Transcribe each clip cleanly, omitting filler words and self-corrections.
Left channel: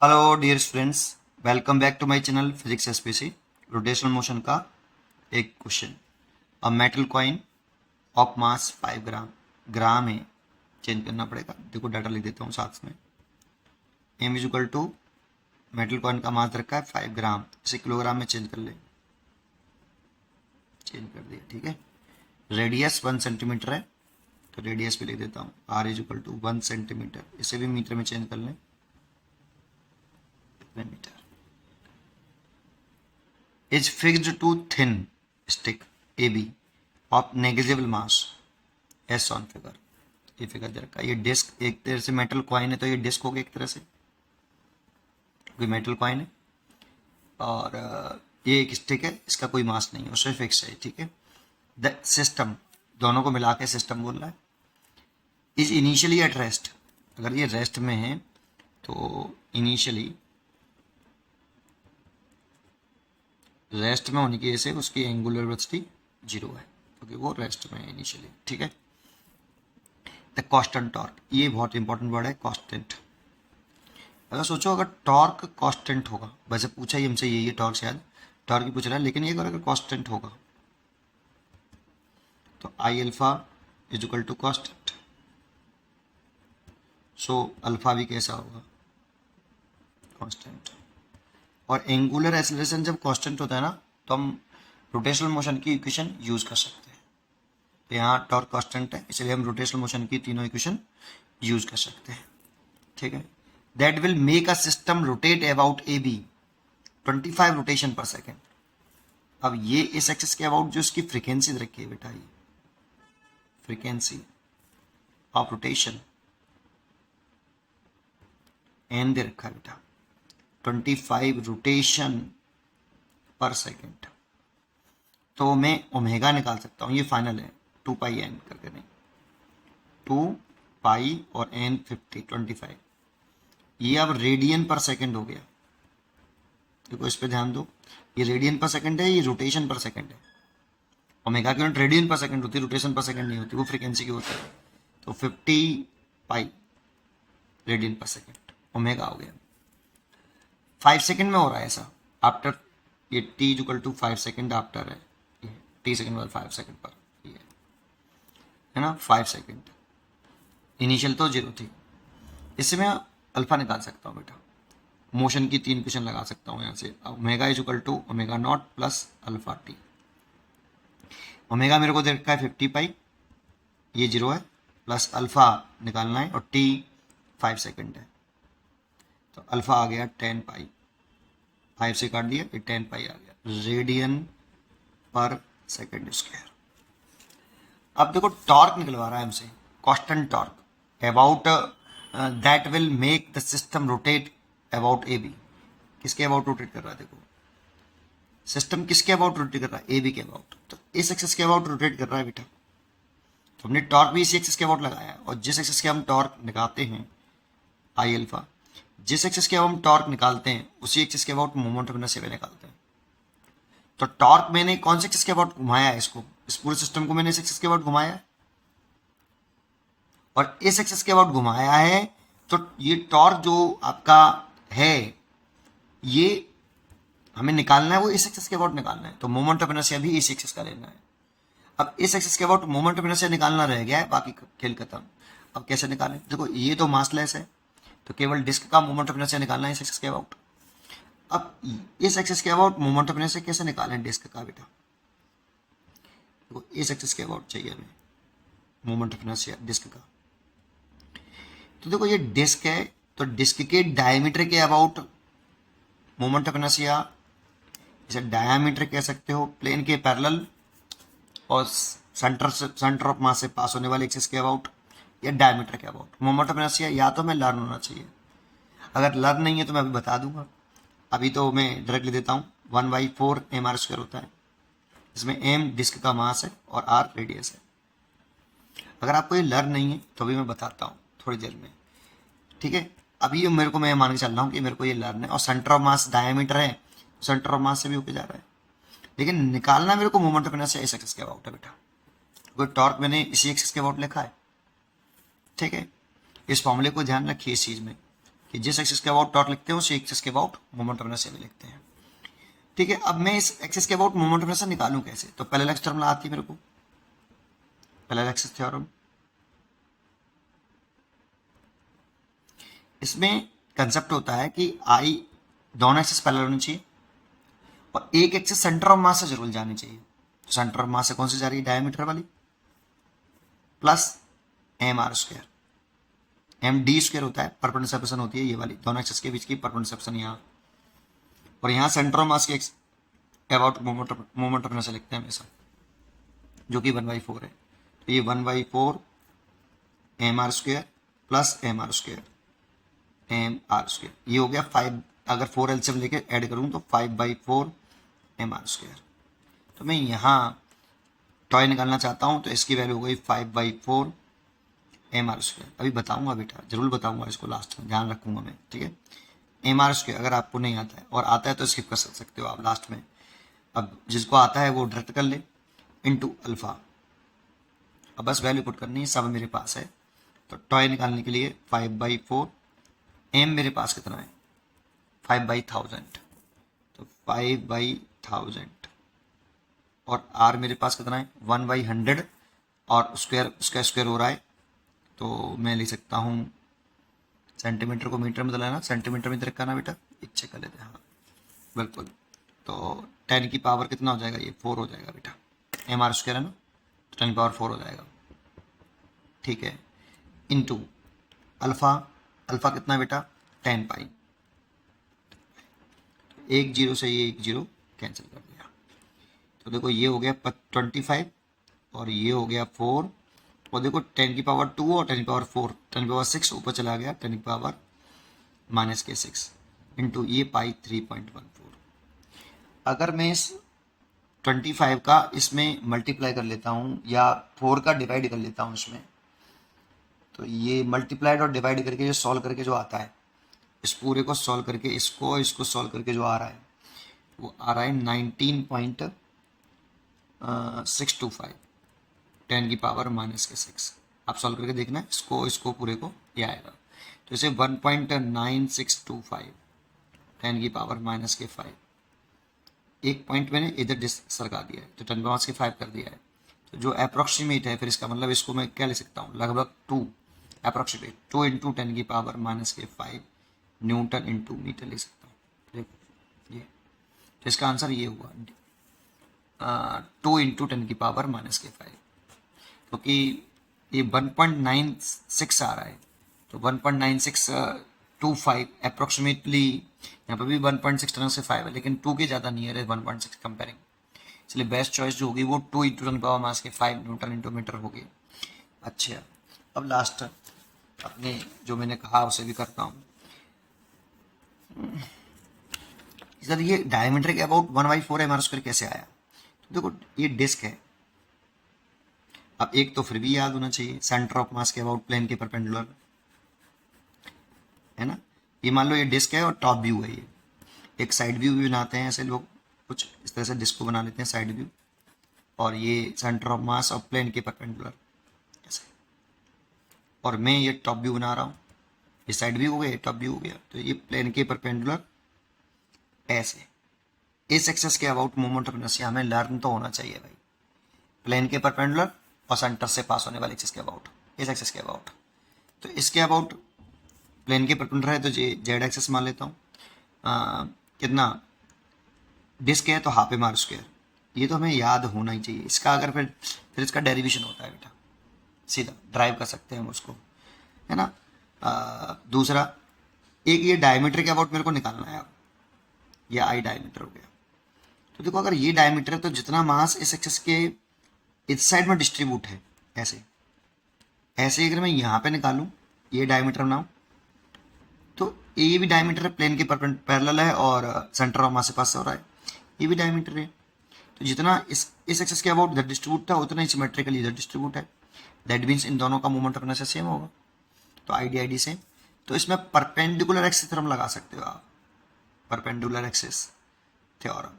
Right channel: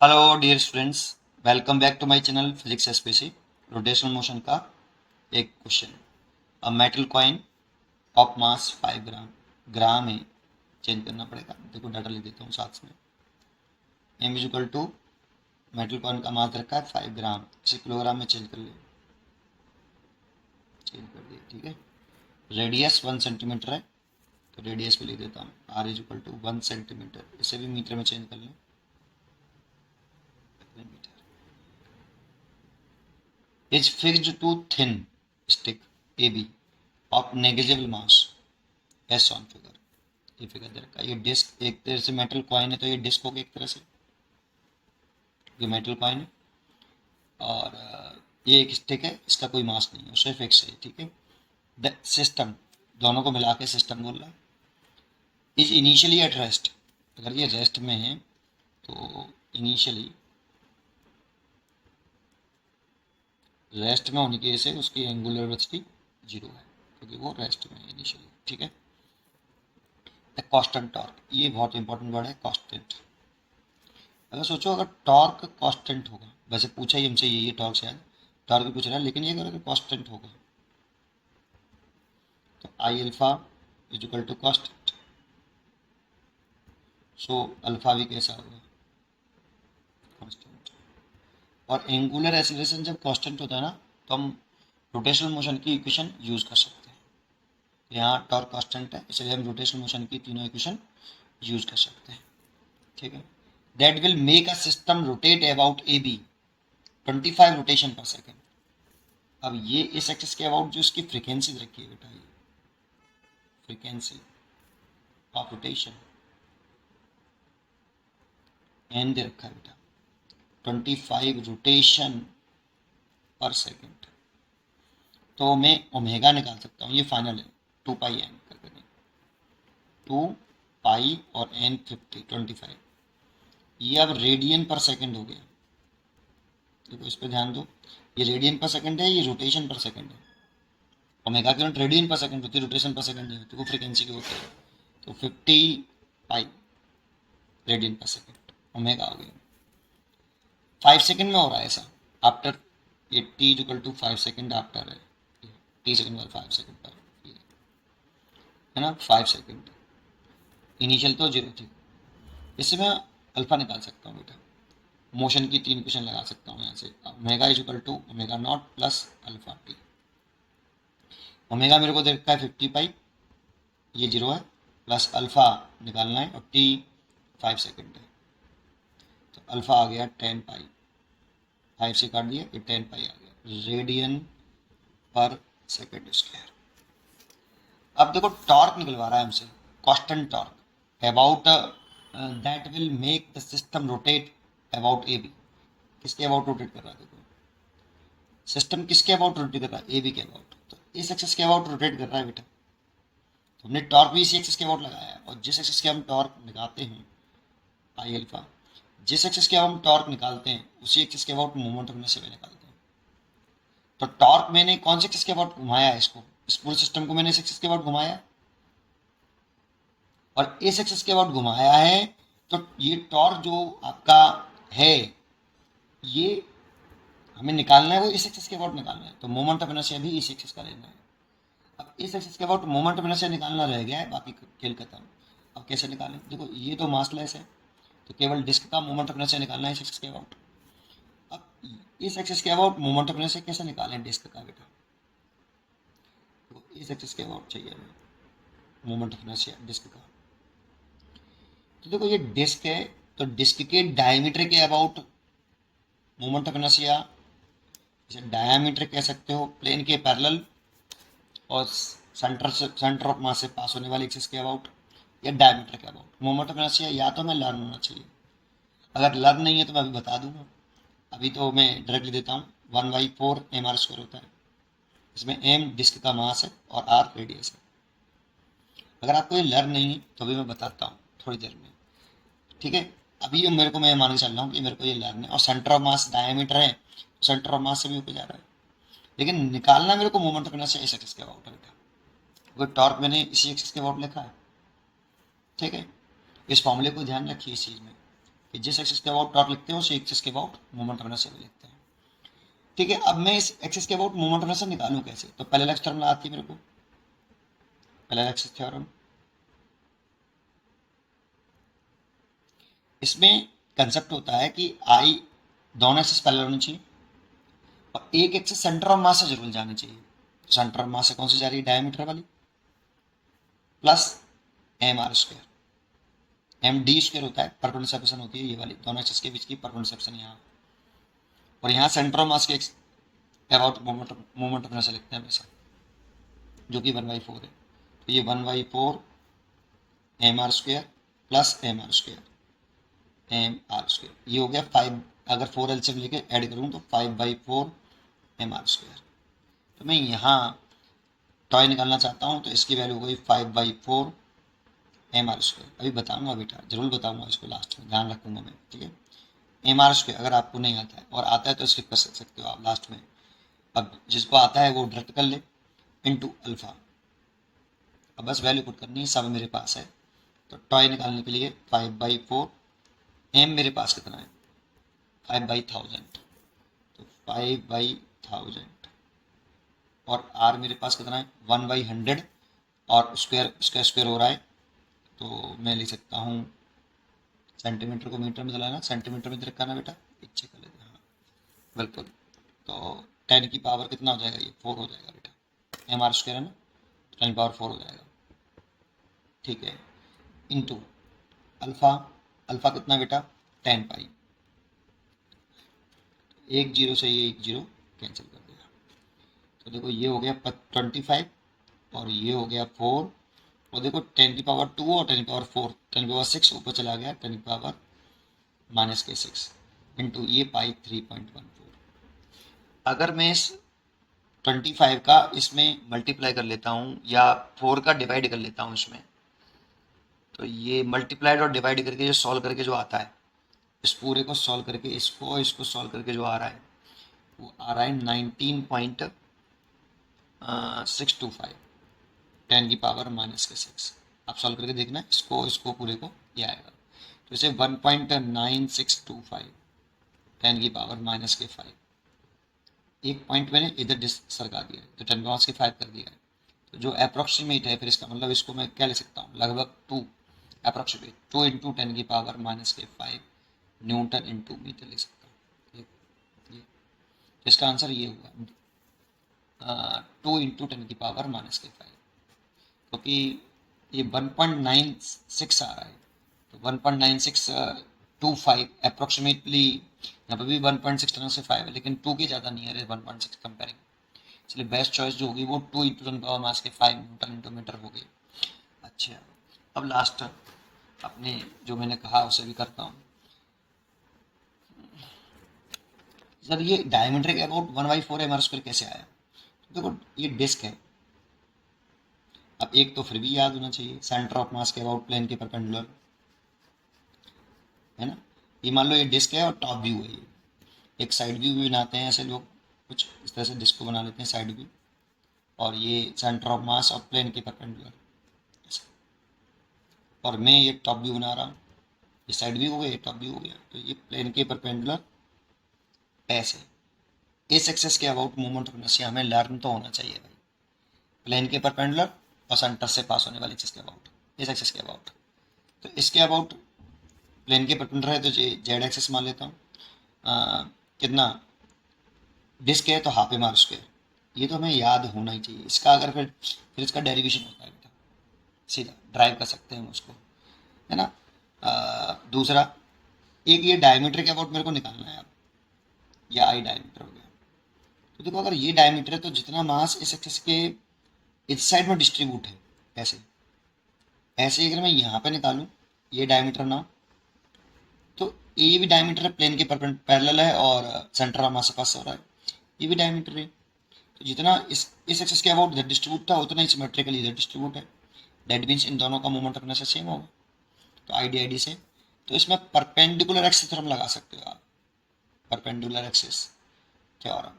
Hello dear students, welcome back to my channel physics SPC. Rotational motion का एक question. A metal coin of mass 5 gram, gram में change करना पड़ेगा। देखो data लिख देता हूँ साथ में। M is equal to metal coin का मास रखा है 5 ग्राम, इसे किलोग्राम में चेंज कर ले। चेंज कर दिया, ठीक है। रेडियस 1 सेंटीमीटर है तो रेडियस पे लिख देता हूँ R is equal to 1 centimetre. इसे भी मीटर में चेंज कर लें, metre. is fixed to thin stick AB of negligible mass S on figure। ये फिगर दे रखा है। ये डिस्क एक तरह से मेटल कॉइन है तो ये डिस्क होगा एक तरह से, कोई मेटल कॉइन है। और ये एक स्टिक है, इसका कोई मास नहीं है, उससे फिक्स है, ठीक है। द सिस्टम, दोनों को मिला के सिस्टम बोल रहा है। इज इनिशियली एट रेस्ट, अगर ये रेस्ट में है तो इनिशियली रेस्ट में होने की वजह से उसकी एंगुलर वेलोसिटी 0 है क्योंकि वो रेस्ट में है इनिशियली, ठीक है। द कांस्टेंट टॉर्क, ये बहुत इंपॉर्टेंट वर्ड है, कांस्टेंट। अगर सोचो अगर टॉर्क कांस्टेंट होगा, वैसे पूछा ही हमसे ये टॉर्क, शायद टॉर्क ही पूछ रहा है, लेकिन ये अगर कांस्टेंट होगा तो I alpha is equal to constant. So alpha भी कैसा होगा, कांस्टेंट। और एंगुलर एक्सीलरेशन जब कांस्टेंट होता है ना तो हम रोटेशनल मोशन की इक्वेशन यूज कर सकते हैं। तो यहाँ टॉर्क कांस्टेंट है, इसलिए हम रोटेशनल मोशन की तीनों इक्वेशन यूज कर सकते हैं, ठीक है। That will make a system rotate about A B 25 rotation per second. अब ये इस एक्सिस के अबाउट जो इसकी फ्रीक्वेंसी रखी है बेटा, ये फ्रीक्वेंसी ऑफ रोटेशन एन दे रखा है बेटा, 25 रोटेशन पर सेकेंड। तो मैं ओमेगा निकाल सकता हूँ, ये फाइनल है 2 पाई एन करके, नहीं 2 पाई और एन 25। ये अब रेडियन पर सेकंड हो गया। देखो इस पे ध्यान दो, ये रेडियन पर सेकंड है, ये रोटेशन पर सेकंड है। ओमेगा की यूनिट रेडियन पर सेकंड होती है, रोटेशन पर सेकंड नहीं होती, वो फ्रीक्वेंसी की होता है। तो 50 पाई रेडियन पर सेकंड ओमेगा हो गया। 5 सेकंड में हो रहा है ऐसा, आफ्टर ये T equal to 5 second after है, टी सेकंड बाद 5 सेकंड पर ये है ना, 5 सेकंड। इनिशियल तो 0 थी। इससे मैं अल्फा निकाल सकता हूँ बेटा, मोशन की 3 इक्वेशन लगा सकता हूँ यहाँ से। Omega is equal to omega naught plus alpha T. Omega मेरे को दे रखा है 50 पाई, ये 0 है, प्लस अल्फा निकालना है और टी 5 सेकंड है, तो अल्फा आ गया 10 पाई, 5 से काट दिया, ये 10 पाई आ गया रेडियन पर सेकंड स्क्वायर। अब देखो टॉर्क निकलवा रहा है हमसे, constant torque about that will make the system rotate about A B. किसके अबाउट रोटेट कर रहा है, देखो सिस्टम किसके अबाउट रोटेट कर रहा है, ए बी के अबाउट। तो इस एक्सिस के अबाउट रोटेट कर रहा है बेटा, तो हमने टॉर्क भी इसी एक्सिस के अबाउट लगाया है। और जिस एक्सिस के हम टॉर्क निकालते हैं आई अल्फा, जिस एक्सिस के हम टॉर्क निकालते हैं उसी एक्सिस के अबाउट मोमेंट ऑफ इनर्शिया निकालते हैं। तो टॉर्क मैंने कौन से एक्सिस के अबाउट घुमाया है, इसको इस पूरे सिस्टम को मैंने इस एक्सिस के अबाउट घुमाया है और इस एक्सिस के अबाउट घुमाया है। तो ये टॉर्क जो आपका है ये हमें निकालना है, वो इस एक्सिस के अबाउट निकालना है। तो मोमेंट ऑफ इनर्शिया भी इस एक्सिस का लेना है। अब इस एक्सिस के अबाउट मोमेंट ऑफ इनर्शिया निकालना रह गया है, बाकी खेल खत्म। अब कैसे निकालें, देखो ये तो मासलेस है तो केवल डिस्क का मोमेंट ऑफ इनर्शिया निकालना है इस एक्सिस के अबाउट। अब इस एक्सिस के अबाउट मोमेंट ऑफ इनर्शिया कैसे निकालें डिस्क का बेटा, देखो इस एक्सिस के अबाउट चाहिए हमें मोमेंट ऑफ इनर्शिया डिस्क का। तो देखो ये डिस्क है, तो डिस्क के डायमीटर के अबाउट मोमेंट ऑफ इनर्शिया, इसे डायमीटर कह सकते हो, प्लेन के पैरेलल और सेंटर ऑफ मास से पास होने वाले एक्सिस के अबाउट या डायमीटर के अबाउट मोमेंट ऑफ इनर्शिया। या तो मैं लर्न होना चाहिए, अगर लर्न नहीं है तो मैं अभी बता दूंगा। अभी तो मैं डायरेक्टली देता हूँ, 1/4 mr² होता है, इसमें m डिस्क का मास है और r रेडियस है। अगर आपको ये लर्न नहीं है तो अभी मैं बताता हूँ थोड़ी देर में, ठीक है। अभी मेरे को, मैं मान के चल रहा हूँ कि मेरे को ये लर्न है और सेंटर ऑफ मास डायमीटर है, सेंटर ऑफ मास से भी होके जा रहा है, लेकिन निकालना मेरे को मोमेंट ऑफ इनर्शिया इस एक्सिस के अबाउट है बेटा। कोई टॉर्क मैंने इसी एक्सिस के अबाउट लिखा है, ठीक है। इस फॉर्मूले को ध्यान रखिए इस चीज़ में। कि जिस एक्सिस के अबाउट टॉर्क लिखते हैं उसी एक्सिस के अबाउट मोमेंट ऑफ इनर्शिया भी लिखते हैं। ठीक है, अब मैं इस एक्सिस के अबाउट मोमेंट ऑफ इनर्शिया निकालूं कैसे? तो पैरेलल थ्योरम आती है मेरे को, पैरेलल एक्सिस थ्योरम। इसमें कंसेप्ट होता है कि आई दोनों एक्सिस पैरेलल होनी चाहिए और एक एक्सिस सेंटर ऑफ मास से जरूर जानी चाहिए। तो सेंटर ऑफ मास से कौन सी जा रही है? डायमीटर वाली, plus M R square, M D square होता है, परपेंडिकुलर सेपरेशन होती है ये वाली, दोनों एक्सिस के बीच की परपेंडिकुलर सेपरेशन यहाँ, और यहाँ सेंटर ऑफ मास के अबाउट मोमेंट ऑफ इनर्शिया लिखते हैं हमेशा, जो कि 1/4 है। तो ये 1/4 M R square plus M R square, M R square, ये हो गया 5, अगर 4 एलसीएम लेके ऐड करूँ तो 5/4 एम आर स्क्वायर। तो मैं यहाँ टॉय निकालना चाहता हूँ तो इसकी वैल्यू हो गई 5/4 एम आर स्क्वायर। अभी बताऊँगा बेटा, जरूर बताऊँगा इसको, लास्ट में ध्यान रखूँगा मैं, ठीक है। एम आर स्क्वायर अगर आपको नहीं आता है और आता है तो स्किप कर सकते हो आप लास्ट में। अब जिसको आता है वो डायरेक्ट कर ले, इनटू अल्फा। अब बस वैल्यू पुट करनी है, सब मेरे पास है। तो टॉय निकालने के लिए 5/4, एम मेरे पास कितना है 5/1000, तो 5/1000, और आर मेरे पास कितना है 1/100, और स्क्वायर, उसका स्क्वायर हो रहा है तो मैं लिख सकता हूँ, सेंटीमीटर को मीटर में बदलाना, सेंटीमीटर में इधर करना बेटा, इच्छे कर लेते हैं, हाँ बिल्कुल। तो 10 की पावर कितना हो जाएगा? ये 4 हो जाएगा बेटा, एम आर स्क्वायर है ना, तो 10 पावर 4 हो जाएगा, ठीक है। इनटू अल्फ़ा, अल्फ़ा कितना बेटा 10 पाई, एक जीरो से ये एक जीरो कैंसिल कर दिया, तो देखो ये हो गया 25 और ये हो गया 4, और देखो 10 की पावर 2 और 10 की पावर 4, 10 की पावर 6 ऊपर चला गया, 10 की पावर -6 इंटू ये पाई 3.14। अगर मैं इस 25 का इसमें मल्टीप्लाई कर लेता हूँ या 4 का डिवाइड कर लेता हूँ इसमें, तो ये मल्टीप्लाइड और डिवाइड करके जो सॉल्व करके जो आता है, इस पूरे को सॉल्व करके इसको सॉल्व करके जो आ रहा है वो आ रहा है 19.625, 10 की पावर -6। आप सॉल्व करके देखना, इसको पूरे को ये आएगा, तो इसे 1.9625, 10 की पावर -5, एक पॉइंट मैंने इधर सरका दिया है तो 10 पावर के 5 कर दिया है, तो जो अप्रोक्सीमेट है, फिर इसका मतलब इसको मैं क्या ले सकता हूँ, लगभग 2, अप्रोक्सीमेट 2 इंटू 10 की पावर -5 न्यूटन इंटू मीटर ले सकता हूँ। देखो ये, तो इसका आंसर ये हुआ 2 इंटू 10 की पावर -5, क्योंकि ये 1.96 आ रहा है, तो 1.9625 अप्रोक्सीमेटली, यहाँ पर भी 1.6 टन से 5 है, लेकिन 2 के ज़्यादा नियर है 1.6 कंपेयरिंग, इसलिए बेस्ट चॉइस जो होगी वो 2 into 10 power -5 newton into metre होगी। अच्छा, अब लास्ट अपने जो मैंने कहा उसे भी करता हूँ। सर ये डायमीटर के अबाउट 1/4 एम आर स्क्वायर कैसे आया? तो देखो ये डिस्क है, अब एक तो फिर भी याद होना चाहिए, सेंटर ऑफ मास के अबाउट प्लेन के परपेंडिकुलर, है ना। ये मान लो ये डिस्क है और टॉप व्यू है, ये एक साइड व्यू भी बनाते हैं ऐसे लोग, कुछ इस तरह से डिस्क को बना लेते हैं साइड व्यू, और ये सेंटर ऑफ मास और प्लेन के परपेंडिकुलर ऐसे, और मैं ये टॉप व्यू बना रहा हूँ, ये साइड व्यू हो गया, ये टॉप व्यू हो गया, तो ये प्लेन के परपेंडिकुलर ऐसे। इस एक्सेस के अबाउट मोमेंट ऑफ इनर्शिया हमें लर्न तो होना चाहिए भाई, प्लेन के परपेंडिकुलर और सेंटर से पास होने वाले एक्सेस के अबाउट, इस एक्सेस के अबाउट। तो इसके अबाउट प्लेन के परपेंडिकुलर है तो जेड एक्सेस मान लेता हूँ, कितना डिस्क है तो हाफ एम आर स्क्वायर, ये तो हमें याद होना ही चाहिए। इसका अगर फिर इसका डेरिवेशन होता है बेटा, सीधा ड्राइव कर सकते हैं हम उसको, है ना। दूसरा एक ये डायमीटर के अबाउट मेरे को निकालना है अब, ये आई डायमीटर हो गया, तो देखो अगर ये डायमीटर है तो जितना मास इस एक्सेस के इस साइड में डिस्ट्रीब्यूट है, ऐसे ऐसे अगर मैं यहाँ पे निकालूं ये डायमीटर बनाऊं, तो ये भी डायमीटर है, प्लेन के पैरेलल है और सेंटर ऑफ मास के पास हो रहा है, ये भी डायमीटर है, तो जितना इस एक्सेस के अबाउट इधर डिस्ट्रीब्यूट था उतना ही सिमेट्रिकली इधर डिस्ट्रीब्यूट है, दैट मीन्स इन दोनों का मोमेंट ऑफ इनर्शिया सेम होगा, तो आई से। तो इसमें परपेंडिकुलर एक्सिस थ्योरम लगा सकते हो आप, परपेंडिकुलर एक्सिस थ्योरम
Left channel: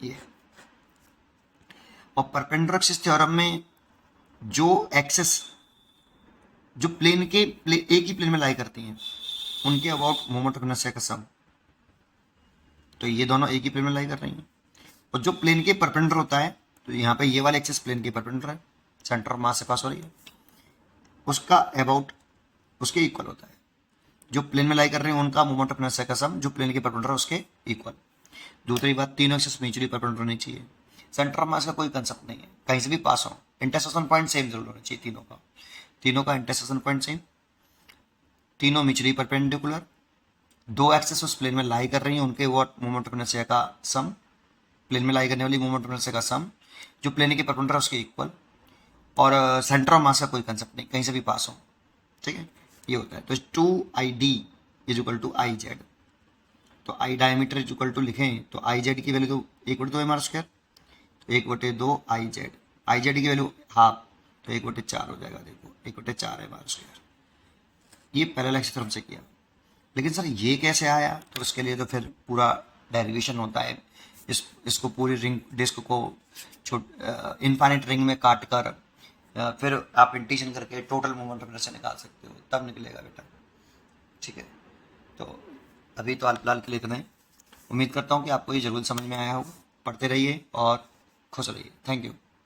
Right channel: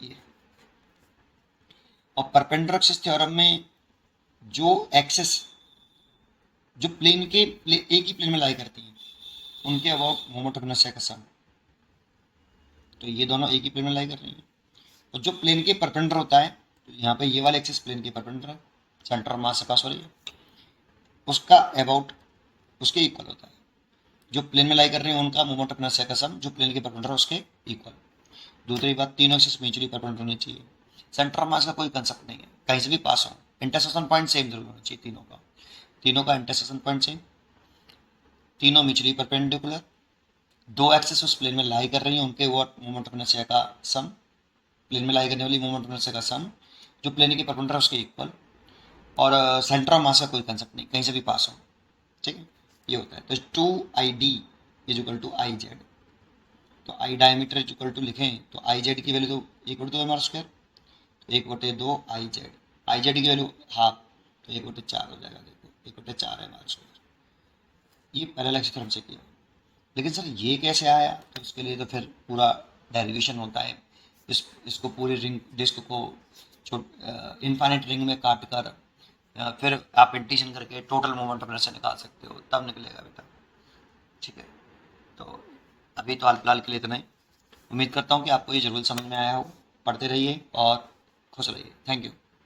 ये, और परपेंडिकुलर एक्सिस थ्योरम में जो एक्सिस जो प्लेन के एक ही प्लेन में लाई करती हैं, उनके अबाउट मोमेंट ऑफ इनर्शिया का सम। तो ये दोनों एक ही प्लेन में लाई कर रही हैं। और जो प्लेन के परपेंडिकुलर होता है, तो यहाँ पे ये वाला एक्सिस प्लेन के परपेंडिकुलर है, सेंटर ऑफ मास से पास हो रही है, उसका अबाउट उसके इक्वल होता है। जो प्लेन में लाई कर रही है उनका मोमेंट ऑफ इनर्शिया का सम जो प्लेन के परपेंडिकुलर है उसके इक्वल। दूसरी बात, तीनों एक्सिस म्यूचुअली परपेंडिकुलर होनी चाहिए। सेंटर ऑफ मास का कोई कंसेप्ट नहीं है, कहीं से भी पास हो, इंटरसेक्शन पॉइंट सेम जरूर होना चाहिए तीनों का इंटरसेक्शन पॉइंट सेम, तीनों म्यूचुअली परपेंडिकुलर, दो एक्सेस उस प्लेन में लाई कर रही हैं, उनके वॉट मोमेंट ऑफ इनर्शिया का सम, प्लेन में लाई करने वाली मोमेंट ऑफ इनर्शिया का सम जो प्लेन के परपेंडिकुलर है उसके इक्वल, और सेंटर ऑफ मास का कोई कंसेप्ट नहीं, कहीं से भी पास हो। ठीक है, ये होता है। तो 2ID is equal to I Z. तो I diameter is equal to लिखें तो आई जेड की वैल्यू तो 1/2 m², तो 1/2 आई जेड, आई जेड की वैल्यू हाफ, तो 1/4 हो जाएगा। देखो 1/4 m²। ये पहले लेक्चर हमसे किया, लेकिन सर ये कैसे आया, तो उसके लिए तो फिर पूरा डेरिवेशन होता है। इसको पूरी रिंग डिस्क को इनफाइनाइट रिंग में काट कर फिर आप इंटीशन करके टोटल मोमेंट ऑफ इनर्शिया निकाल सकते हो, तब निकलेगा बेटा। ठीक है, तो अभी तो हाल फिलहाल के लिए इतना ही। उम्मीद करता हूँ कि आपको ये जरूर समझ में आया हो। पढ़ते रहिए और खुश रहिए। Thank you.